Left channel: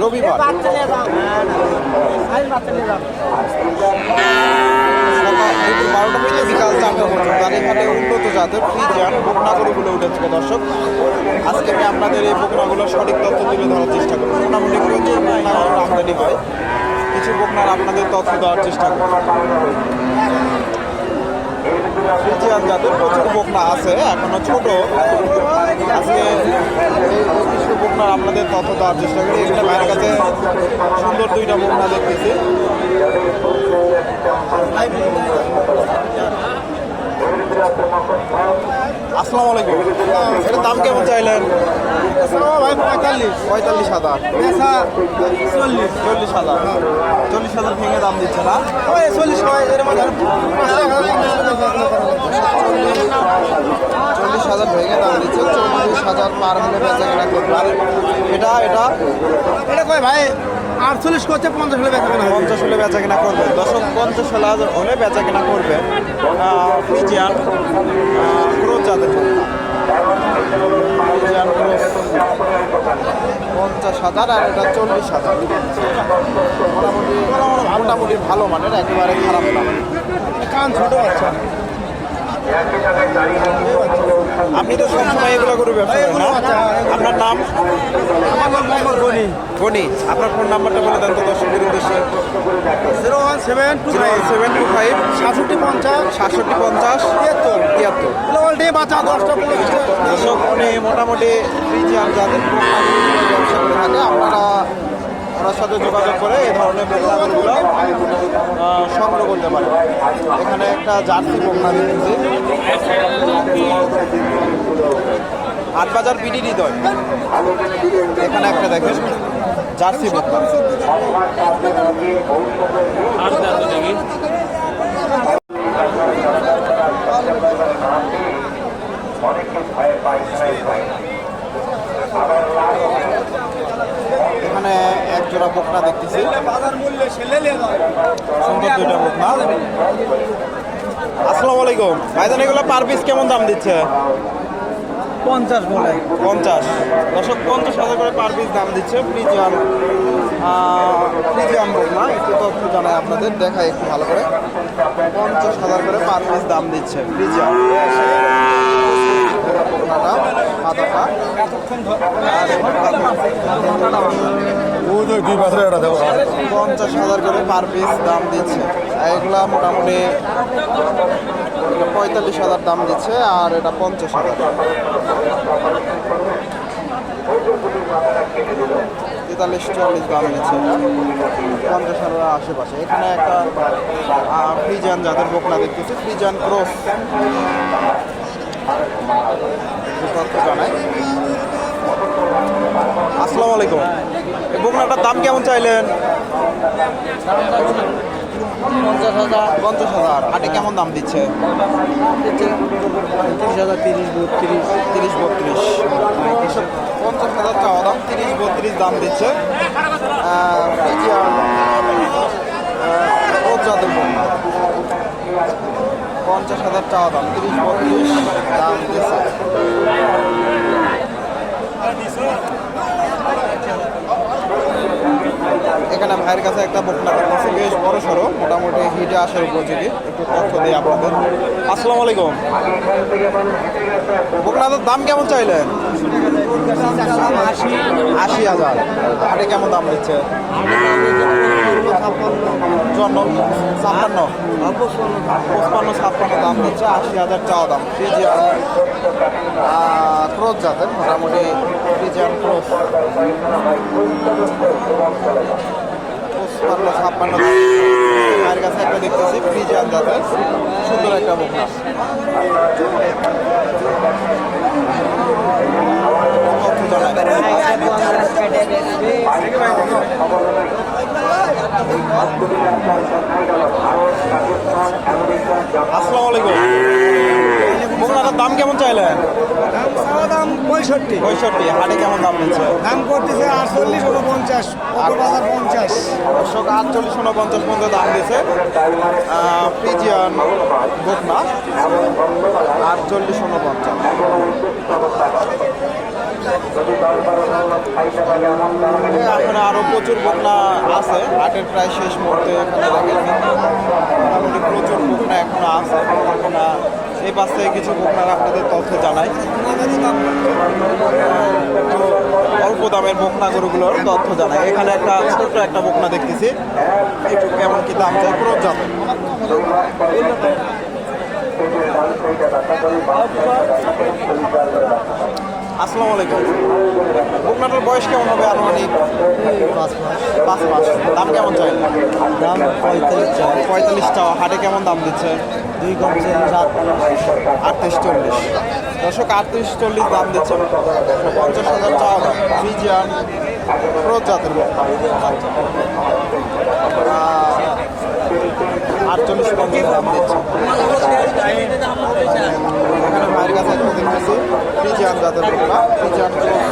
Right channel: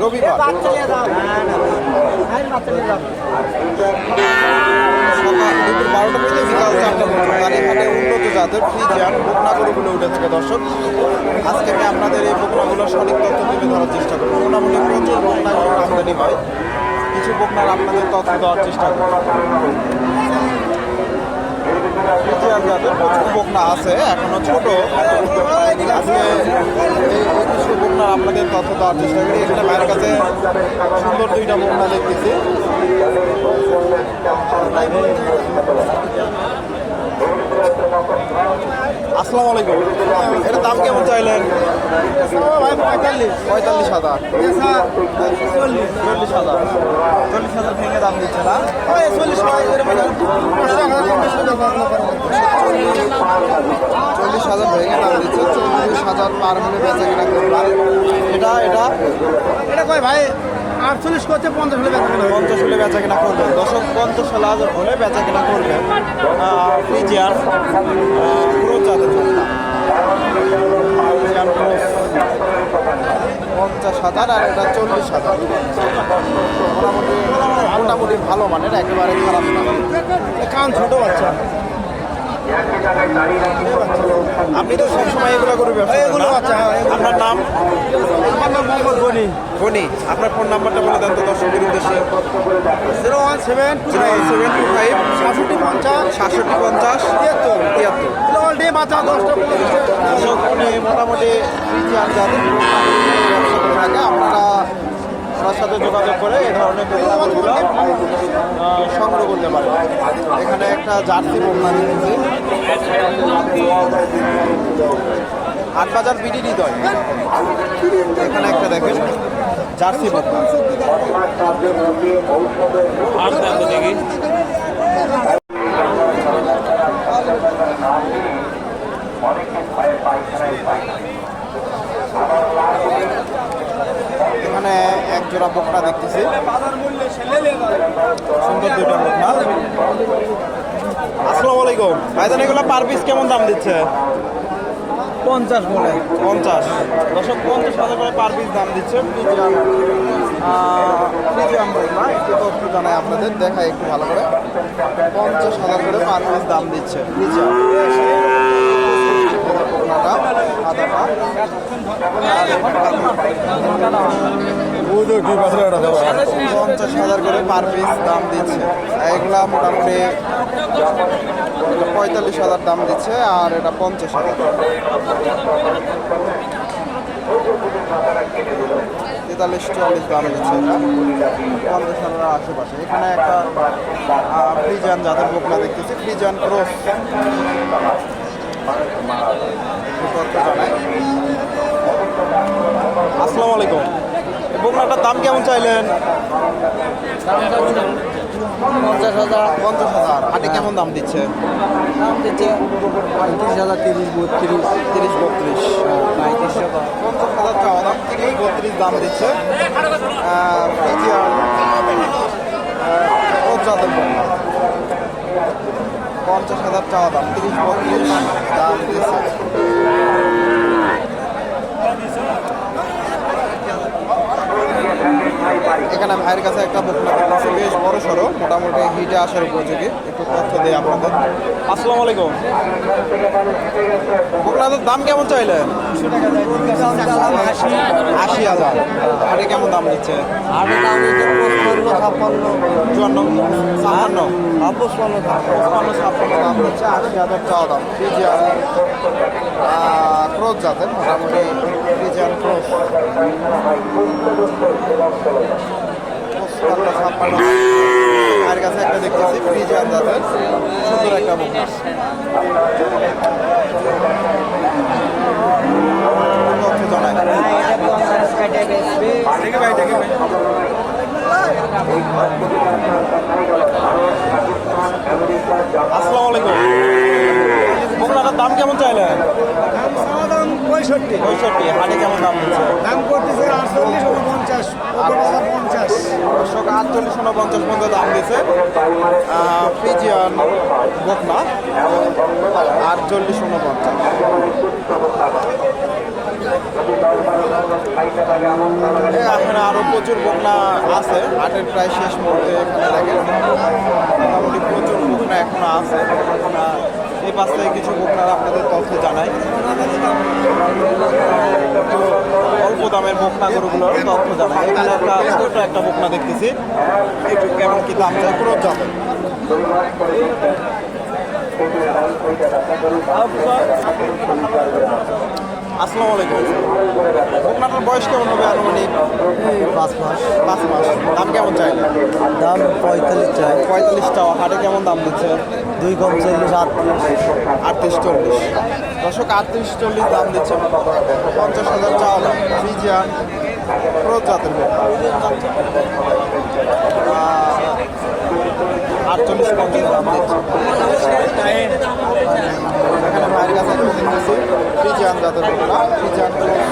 রবিবার। সকাল দুপুর বারোটা থেকে বিকাল চারটা পর্যন্ত। এখানে উন্নত জাতের ফ্রিজিয়ান বকনাগরুগুলো উঠে দর্শক। আজকে আমি আপনাদের এই বকনাগুলোর সঠিক তথ্য তুলে ধরার চেষ্টা করব। মোটামুটি প্রচুর বকনাগরুর আমদানি হয়। কিছু বকনার আপনাদের তথ্য দেওয়ার চেষ্টা করব। ফ্রিজিয়ান জাতের প্রচুর বকনা আছে, এখনও ছোট। আজকে কিছু আপনাদের তথ্য দেওয়ার চেষ্টা করি। এখানে মায়ের কাছে সুন্দর দুইটা বন্যা দেখতেছি। আসসালামু আলাইকুম। এটার দাম কেমন চাইলেন? পঁয়তাল্লিশ হাজার। চল্লিশ হাজার। চল্লিশ হাজার ভেঙে দাম দিচ্ছে না? চল্লিশ হাজার ভেঙে দাম দিচ্ছে। চল্লিশ হাজার পার হলে বেচা কেনা আর এটা এটা? ভাই আটচল্লিশ করছে পঞ্চাশ হলে বেচা কেনা। পঞ্চাশ হলে বেচা কেনা করবে। দশক পঞ্চাশ হাজার হলে বেচা কেনা করবে পিজিয়ান ক্রোজ যাদের মুখটা পিজিয়ান ক্রোজ পঞ্চাশ হাজার আর এটা চল্লিশ হাজার। মোটামুটি মোটামুটি ভালো মানের একেবারে খারাপ না। কান ছোট বাচ্চা। আপনি তো সবসময় এগুলো করে ব্যবসা করেন না। আপনার নাম? আমার নাম মোহাম্মদ গনি। ধনী আপনার ফোন নাম্বারটা বলে দেন তো দর্শকের উদ্দেশ্যে। Zero one seven two nine seven two five. সাতষট্টি পঞ্চাশ। সাতষট্টি পঞ্চাশ। তিয়াত্তর। তিয়াত্তর। মোটামুটি জাতের ব্যবসা করে থাকে আপনারা ওনার সাথে যোগাযোগ করে এই ধরনের পোকাগুলো সংগ্রহ করতে পারেন। এখানে একটা জার্সি দিচ্ছি আট বাজার বিডি হৃদয়। এখানে একটা দেখেন, জার্সি পোকা এখানে এক জোড়া বকনা দেখতেছি। সুন্দর দুইটা বকনা আসসালামু আলাইকুম। ভাইজান এগুলো পার পিস কেমন দাম দিচ্ছে? পঞ্চাশ বলে। পঞ্চাশ। দশক পঞ্চাশ হাজার করে পার পিস দাম দিচ্ছে। ফ্রিজিয়ান ফ্রিজিয়ান বকনা একটু তথ্য জানাই আপনাদের দেখাই একটু ভালো করে। পঞ্চাশ হাজার করে পার পিস দাম দিচ্ছে সাদাটা আর এটা পঞ্চাশ হাজার করে পার পিস দাম দিচ্ছে। আর এগুলা মোটামুটি এটা পঁয়তাল্লিশ হাজার দাম দিচ্ছে, আর এটা পঞ্চাশ হাজার তেতাল্লিশ, চুয়াল্লিশ দাম দিচ্ছে এটা। পঞ্চাশ হাজারের আশেপাশে। এখানে একটা ফ্রিজান যাদের বকনা দেখতেছি ফ্রিজান ক্রস। আসসালামু আলাইকুম। বকনাটার দাম কেমন চাইলেন? পঞ্চাশ হাজার পঞ্চাশ হাজার হাটে কেমন দাম দিচ্ছে তিরিশ হাজার তিরিশ বত্রিশ তিরিশ বত্রিশ পঞ্চাশ হাজার চাওয়া দাম তিরিশ বত্রিশ দাম দিচ্ছে ফ্রিজিয়ান, বন্যা পঞ্চাশ হাজার চাওয়া দাম তিরিশ বত্রিশ দাম দিচ্ছে এখানে ভাইয়ের কাছে একটা বকনা দেখতেছি বেশ বড় সড়ো, মোটামুটি হিটে আসার উপযোগী। একটু তথ্য দিই আপনাদের। আসসালামু আলাইকুম। বকনাদের দাম কেমন চাইলেন? আশি হাজার। হাটে কেমন দাম দিচ্ছে চুয়ান্ন ছাপ্পান্ন। পঁচপান্ন ছাপ্পান্ন দাম দিচ্ছে, আশি হাজার চাওয়া দাম। ফ্রিজিয়ান ক্রোজ যাবেন মোটামুটি ফ্রিজিয়ান ক্রোজ পঁচপান্ন, ছাপ্পান্ন মায়ের কাছে একটা দেখতেছি, ফ্রিজিয়ান জাতের। সুন্দর একটা বকনা। তথ্য জানায় আসসালামু আলাইকুম। বকনাটার দাম কেমন চাইলেন দাম পঁয়ষট্টি। পঁয়ষট্টি। হাটে কেমন দাম দিচ্ছে? দাম করতেছে আটচল্লিশ উনপঞ্চাশ। পঞ্চাশ দর্শক আটচল্লিশ উনপঞ্চাশ পর্যন্ত দাম দিচ্ছে। ফ্রিজিয়ান বকনা আটচল্লিশ উনপঞ্চাশ। এখানে আরও প্রচুর বকনা আছে। হাটের প্রায় শেষ মুহূর্তে এখানে দেখেন। মোটামুটি প্রচুর বকনা এখনও আছে। বকনা, এই পাশ থেকে কিছু বকনার আপনাদের তথ্য জানাই। অল্প দামের বকনা গরুগুলোর তথ্য জানাই। এখানে একটা ছোট্ট একটা বকনা দেখতেছি। একটু কেমন কি দাম যায় পুরো যাবে আসসালামু আলাইকুম। বকনাটার বয়স কেমন হবে? আনুমানিক পাঁচ মাস। পাঁচ মাস। দাম কেমন চাই? দাম পঁয়তাল্লিশ চাই। পঁয়তাল্লিশ টাকা হাটে কেমন দাম দিচ্ছে? দুই কম চল্লিশ আটত্রিশ আটত্রিশ চল্লিশ। দশক আটত্রিশ চল্লিশ দাম দিচ্ছে। পঞ্চাশ হাজার চাওয়া দাম। ফ্রিজিয়ান ক্রোজ জাতের আটচল্লিশ পঞ্চাশ দাম দিচ্ছে এখানে ভাইয়ের কাছে একটা দেখতেছি ফ্রিজিয়ান জাতের বকনা ফ্রিজিয়ান ক্রোজ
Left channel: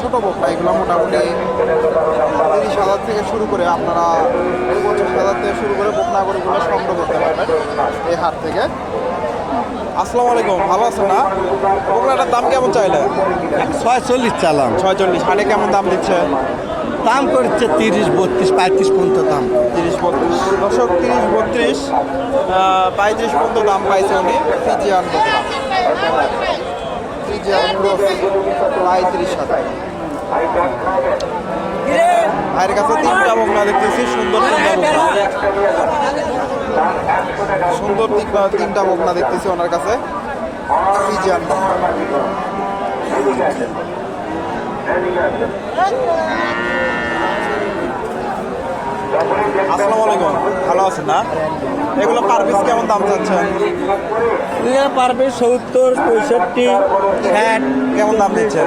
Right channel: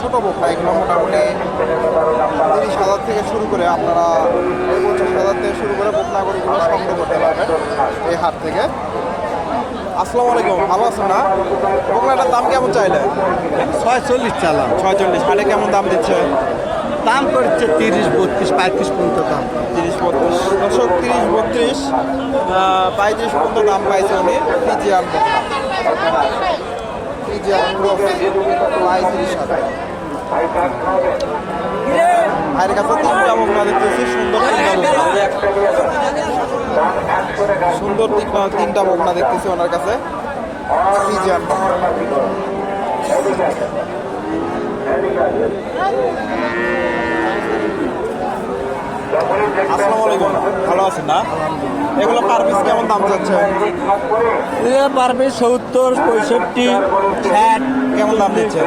ছোট বকনা এগুলো মোটামুটি তিরিশ হাজার থেকে শুরু করে আপনারা পঁচিশ হাজার থেকে শুরু করে বকনা গরুগুলো সংগ্রহ করতে পারবেন এই হাট থেকে। আসসালামু আলাইকুম ভালো আছেন না? বকনাটার দাম কেমন চাইলে? ছয়চল্লিশ চালাম। ছয়চল্লিশ হাটে কেমন দাম দিচ্ছে? দাম করছে তিরিশ বত্রিশ পঁয়ত্রিশ পর্যন্ত দাম। তিরিশ বত্রিশ। দশক তিরিশ বত্রিশ পঁয়ত্রিশ পর্যন্ত দাম পাইছে উনি ফিজিয়ান বকনা। ফিজিয়ান ক্রস পঁয়ত্রিশ হাজার ভাইয়ের কাছে তিনটা বকনা দেখতেছি সুন্দর তিনটা বকনা সুন্দর তিনটা বকনা দেখতেছি ওনার কাছে Thank বকনা আসসালামু আলাইকুম। ভালো আছেন না? এগুলো পার পিস কেমন দাম যাচ্ছে এ পারবে সত্তর পঁয়ষট্টি। ষাট কেমন দাম দিচ্ছে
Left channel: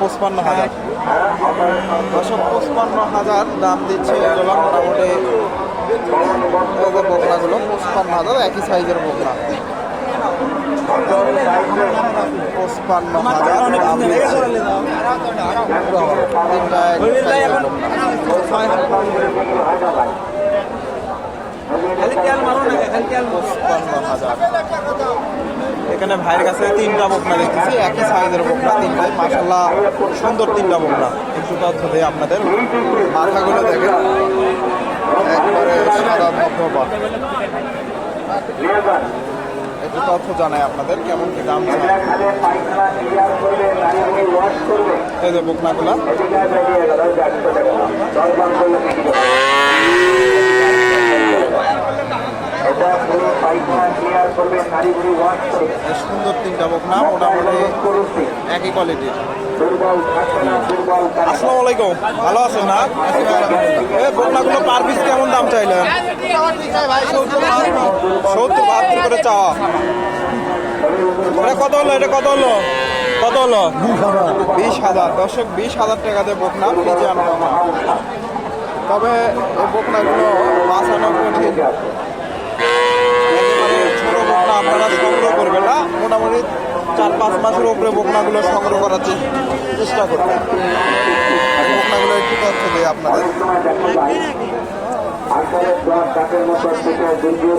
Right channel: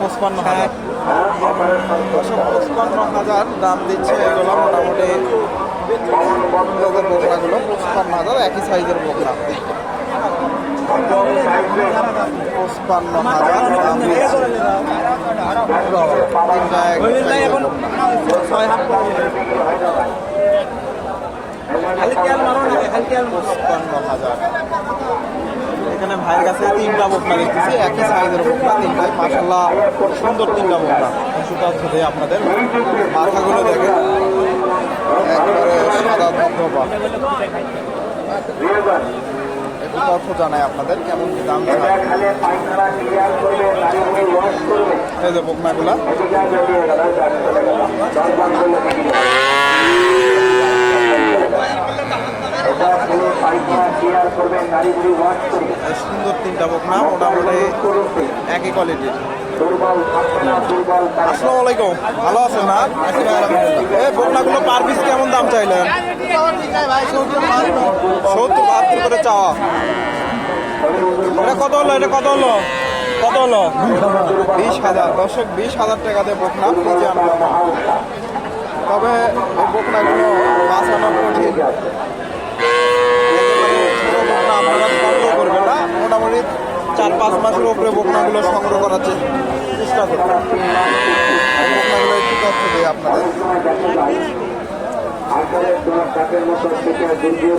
পঁচপান্ন। হাজার। দশো পঁচপান্ন হাজার দাম দিচ্ছে এগুলো মোটামুটি বকনাগুলো। পঁচপান্ন হাজার একই সাইজের বকনা। পঁচপান্ন হাজার দাম দিচ্ছে। পঁচপান্ন হাজার এখানে ভাইয়ের কাছে তিনটা বকনা দেখতেছি। একই সাইজের বকনা তিনটাই মাসাল্লাহ সুন্দর তিনটা বকনা। তথ্য দেয় আপনাদের মাথাগুলো দেখেন। একবারে সাদা ধবধবা একটু তথ্য জানাই আপনাদের, কেমন কি দাম চায় এই যে বকনাগুলা। সুন্দর তিনটা বকনা, মোটামুটি একই কোয়ালিটির। আসসালামু আলাইকুম। ভালো আছেন না? বকনাগুলো পার পিস কেমন দাম চাইলেন? সত্তর, বাহাত্তর করে চাওয়া। কত হলো? এটা কত হলো? কত হলো? বিশ হাজার। দর্শক বিশ হাজার টাকাতে বকনা ফিজিয়ান বকনা তবে এই বকনাগুলো বাঁচানো কঠিন ছোট বকনা আপনারা সংগ্রহ করবেন না মোটামুটি চার পাঁচ মাসের উপরে বকনাগুলো সংগ্রহ করার চেষ্টা করবেন বকনাগুলো একটু তথ্য দেয় আপনাদের। আকারের দশ মতো থেকে গুজুর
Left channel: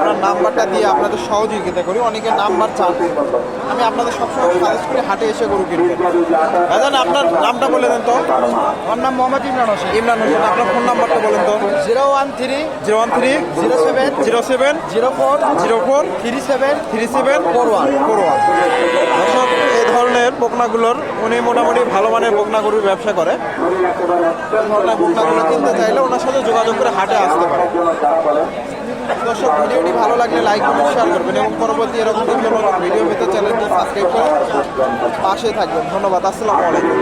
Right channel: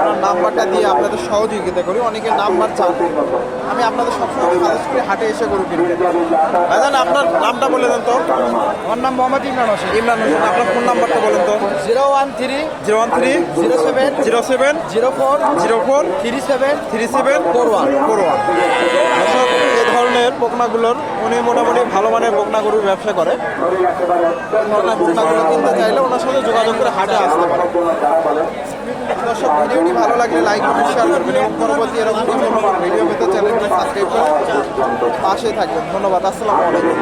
ওনার নাম্বারটা দিয়ে আপনাদের সহযোগিতা করি অনেকে নাম্বার চান। আমি আপনাদের সবসময় সাজেস্ট করি হাটে এসে গরু কিনি দাদা আপনার নামটা বলে দেন তো। আমার নাম মোহাম্মদ ইমরান হোসেন। ইমরান হোসেন আপনার ফোন নাম্বারটা বলেন তো। Zero one three zero one three zero seven zero seven zero four zero four three seven three seven four one four one. দর্শক এই ধরনের বকনাগুলোর উনি মোটামুটি ভালো মানের বকনা গরুর ব্যবসা করে। ধরনের বকনাগুলো কিনতে চাইলে ওনার সাথে যোগাযোগ করে হাটে আসতে পারে। দর্শক ভিডিওটি ভালো লাগলে লাইক কমেন্ট শেয়ার করবেন এবং পরবর্তী এরকম বিভিন্ন নতুন ভিডিও পেতে চ্যানেলটি সাবস্ক্রাইব করে পাশে থাকবেন। ধন্যবাদ, আসসালামু আলাইকুম।